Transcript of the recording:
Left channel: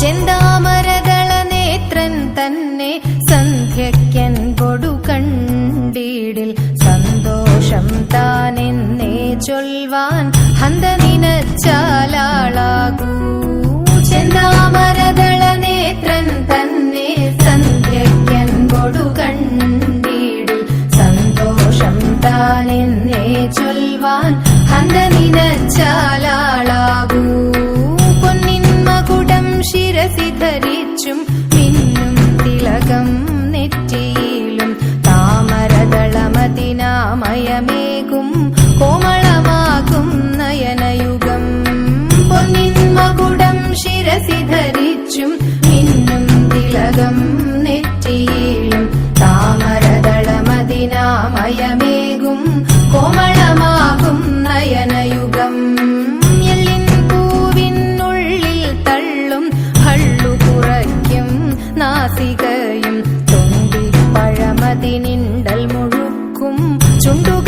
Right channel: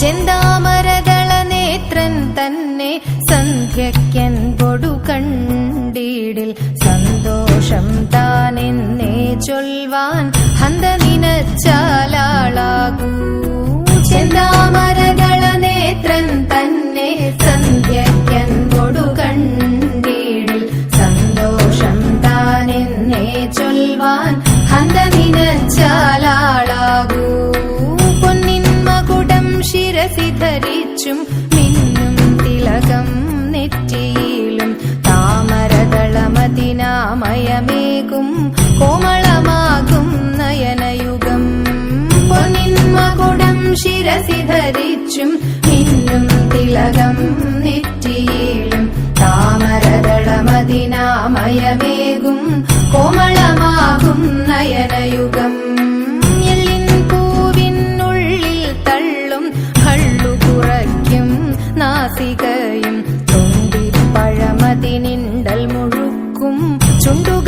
ചെന്താമരദള നേത്രൻ തന്നെ സന്ധ്യയ്ക്കൻപൊടു കണ്ടീടിൽ സന്തോഷം താനെന്നേ ചൊൽവാൻ ഹന്ത നിനച്ചാലാളാകൂ. ചെന്താമരദള നേത്രൻ തന്നെ സന്ധ്യയ്ക്കൻപൊടു കണ്ടീടിൽ സന്തോഷം താനെന്നേ ചൊൽവാൻ ഹന്ത നിനച്ചാലാളാകൂ. പൊന്നിൻ മകുടം ശിരസി ധരിച്ചും മിന്നും തിലകം നെറ്റിയിലും താമരദളമതിനാമയമേകും കോമളമാകും നയനയുഗം. പൊന്നിൻ മകുടം ശിരസി ധരിച്ചും മിന്നും തിലകം നെറ്റിയിലും താമരദളമതിനാമയമേകും കോമളമാകും നയനയുഗം. എല്ലിൻ പൂവിനുള്ളിൽ തള്ളും ഭള്ളു കുറയ്ക്കും നാസികയും തൊണ്ടിപ്പഴമതിനിണ്ടൽ മുഴുക്കും ചുണ്ടു